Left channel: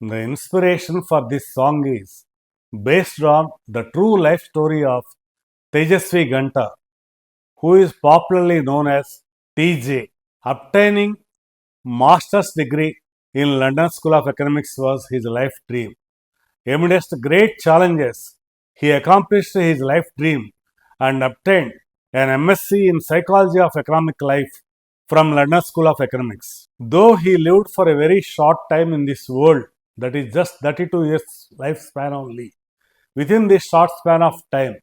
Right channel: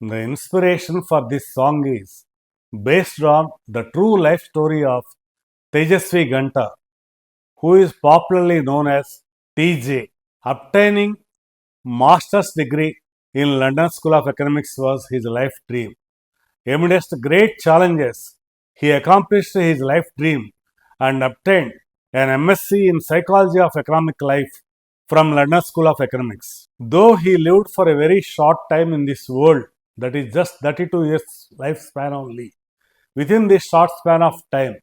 The inspiration for this song is based on the true life story of Tejasvi Ganta, who is popularly known as TJ. Obtaining master's degree in London School of Economics was his life dream. Amidst great challenges, he accomplished his life dream and obtained an MSc in Psychology of Economic Life from London School of Economics. Though he lived for a very short time in this world, that is just 32 years lifespan only, within this short span of time,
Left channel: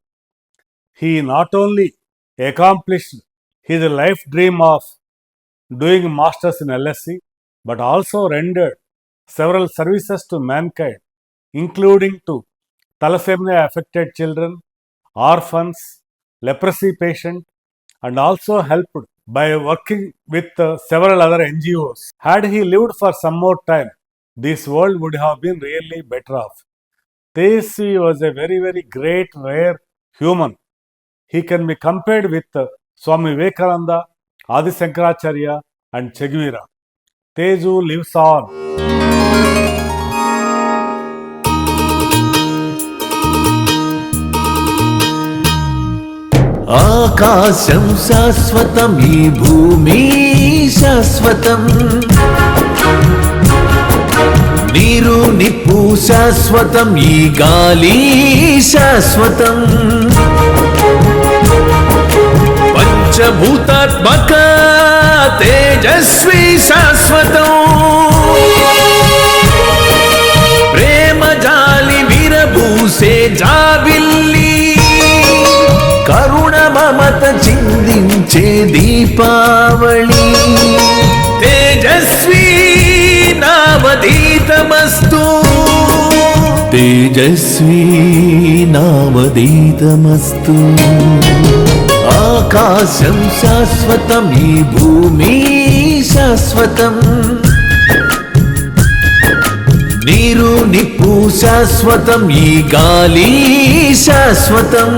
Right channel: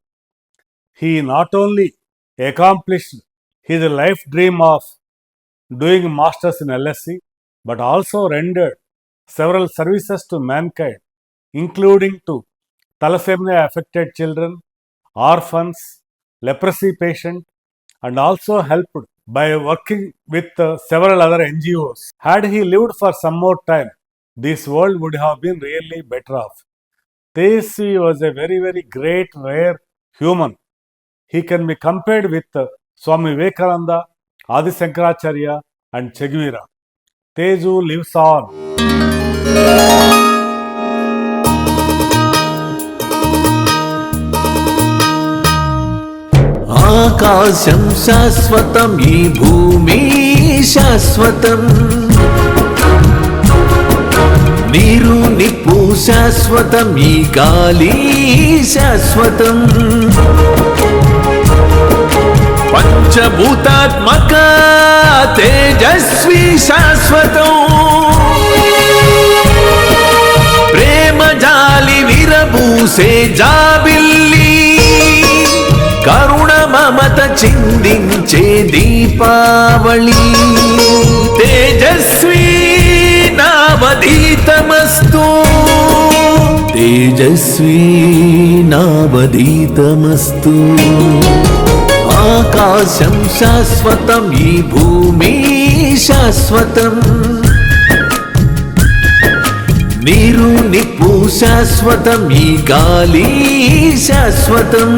he not only accomplished his life dream of doing masters in LSE, but also rendered several services to mankind, including to thalassemia affected children, orphans, leprosy patients, and also helped by working with several other NGOs. Had he lived for some more time, this world would have been really better off. Tejasvi was a very, very great, rare human. He can be compared with Swami Vivekananda, Adi Shankaracharya, and Che Guevara. Teju lives on. ఆకాశం శాశ్వతం ఈ భూమి శాశ్వతం నీరు నిప్పు శాశ్వతం ఈ గాలి శాశ్వతం పంచభూతాత్మక తేజస్వి శాశ్వతం ప్రేమ జాలి విరబూసే జాబిల్లి కరుణ మమత చిందించే దీపావళి తేజస్వి నావదీతమస్తు తేజస్వి నావదీతమస్తు ఆకాశం శాశ్వతం ఈ భూమి శాశ్వతం నీరు నిప్పు శాశ్వతం ఈ గాలి శాశ్వతం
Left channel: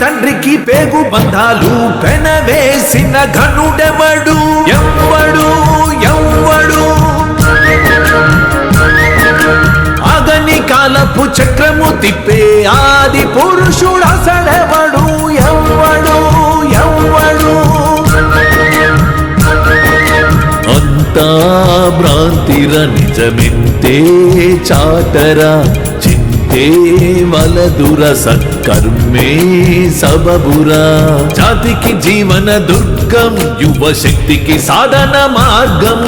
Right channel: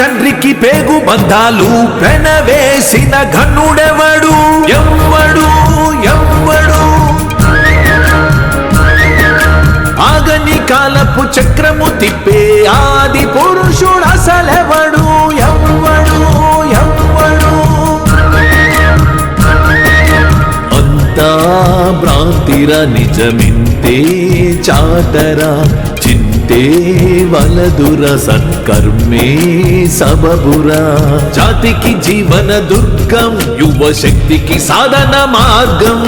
తండ్రికి వేగు బంధాలు వెనవేసిన ఘనుడెవడు ఎవ్వడు ఎవ్వడు ఆగని కాలపు చక్రము తిప్పే ఆది పురుషుడు అసలెవడు ఎవ్వడు ఎవ్వడు అంతా భ్రాంతిర నిజమింతే చాటరా వలదుర సత్కర్మే సబబురా జాతికి జీవన దుర్గం యువ శక్తికి సాధన మార్గం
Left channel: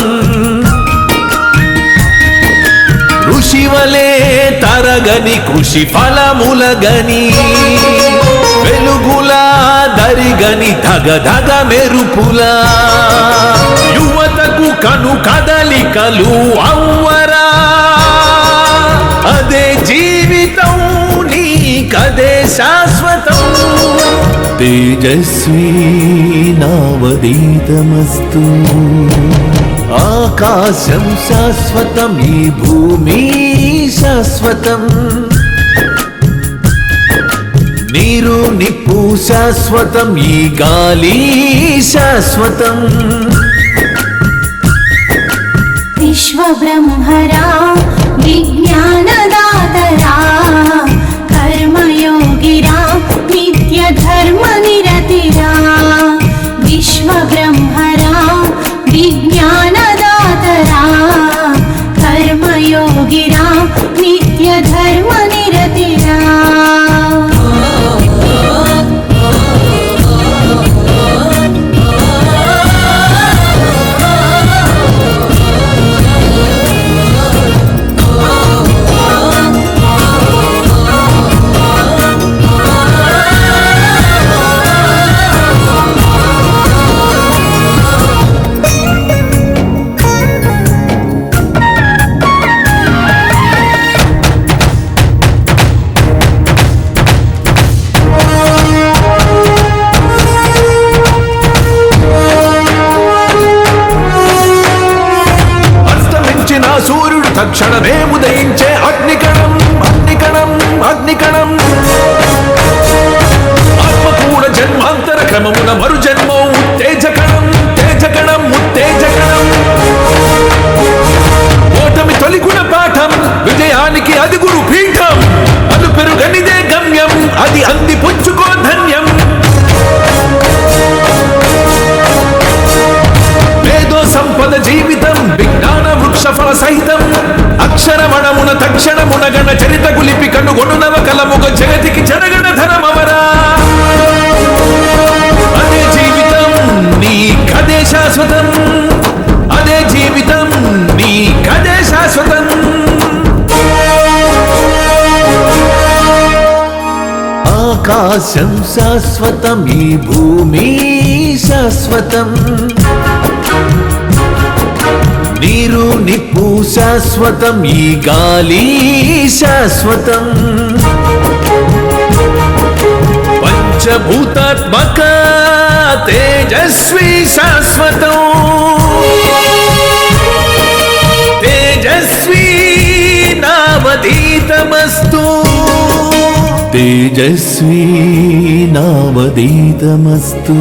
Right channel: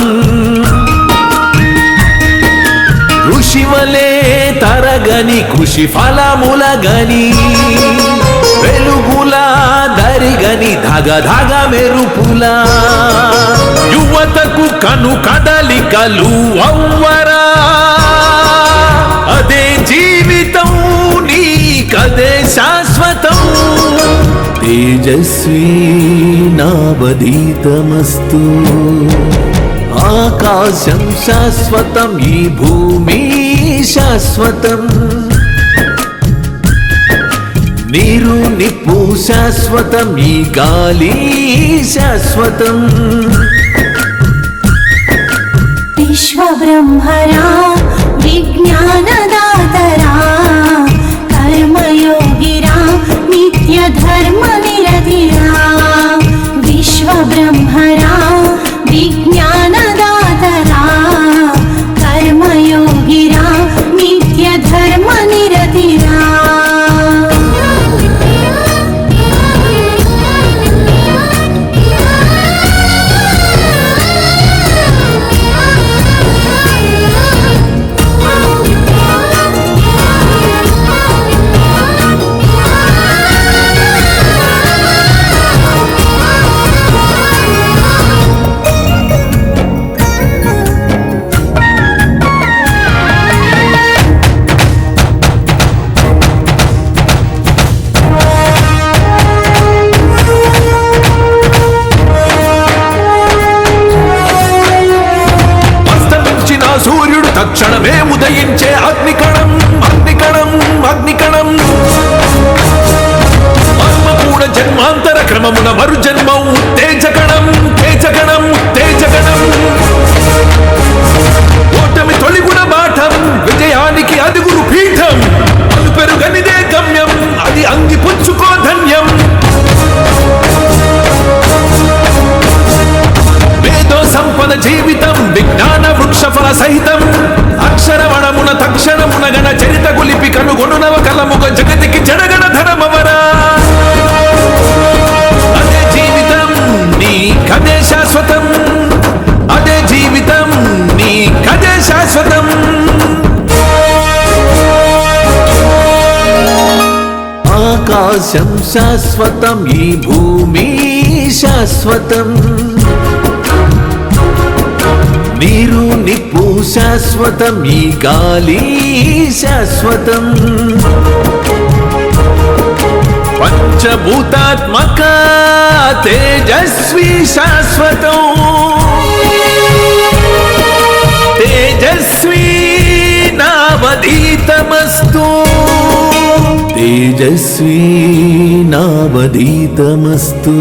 ఋషివలే తరగని కృషి ఫలములగని వెలుగుల దరిగని ధగ ధగ మెరుపులా యువతకు కను కదలికలు అవ్వరా అదే జీవితం నీకదే శాశ్వతం తేజస్వి నామదీతమస్తు ఆకాశం శాశ్వతం ఈ భూమి శాశ్వతం నీరు నిప్పు శాశ్వతం ఈ గాలి శాశ్వతం విశ్వబ్రహ్మరా విజ్ఞానదాతరా కర్మయోగిరా నిత్య ధర్మ నిరతిరా విశ్వబ్రహ్మరా విజ్ఞానదాతరా కర్మయోగిరా నిత్య ధర్మ నిరతిరా జగతికి జడగణధరమవరా అదే జీవితం నీ కదే శాశ్వతం అదే జీవితం నీ కదే శాశ్వతం ఆకాశం శాశ్వతం ఈ భూమి శాశ్వతం నీరు నిప్పు శాశ్వతం ఈ గాలి శాశ్వతం పంచభూతాత్మక తేజస్వి శాశ్వతం తేజస్వి నావదీతమస్తు తేజస్వి నావదీతమస్తు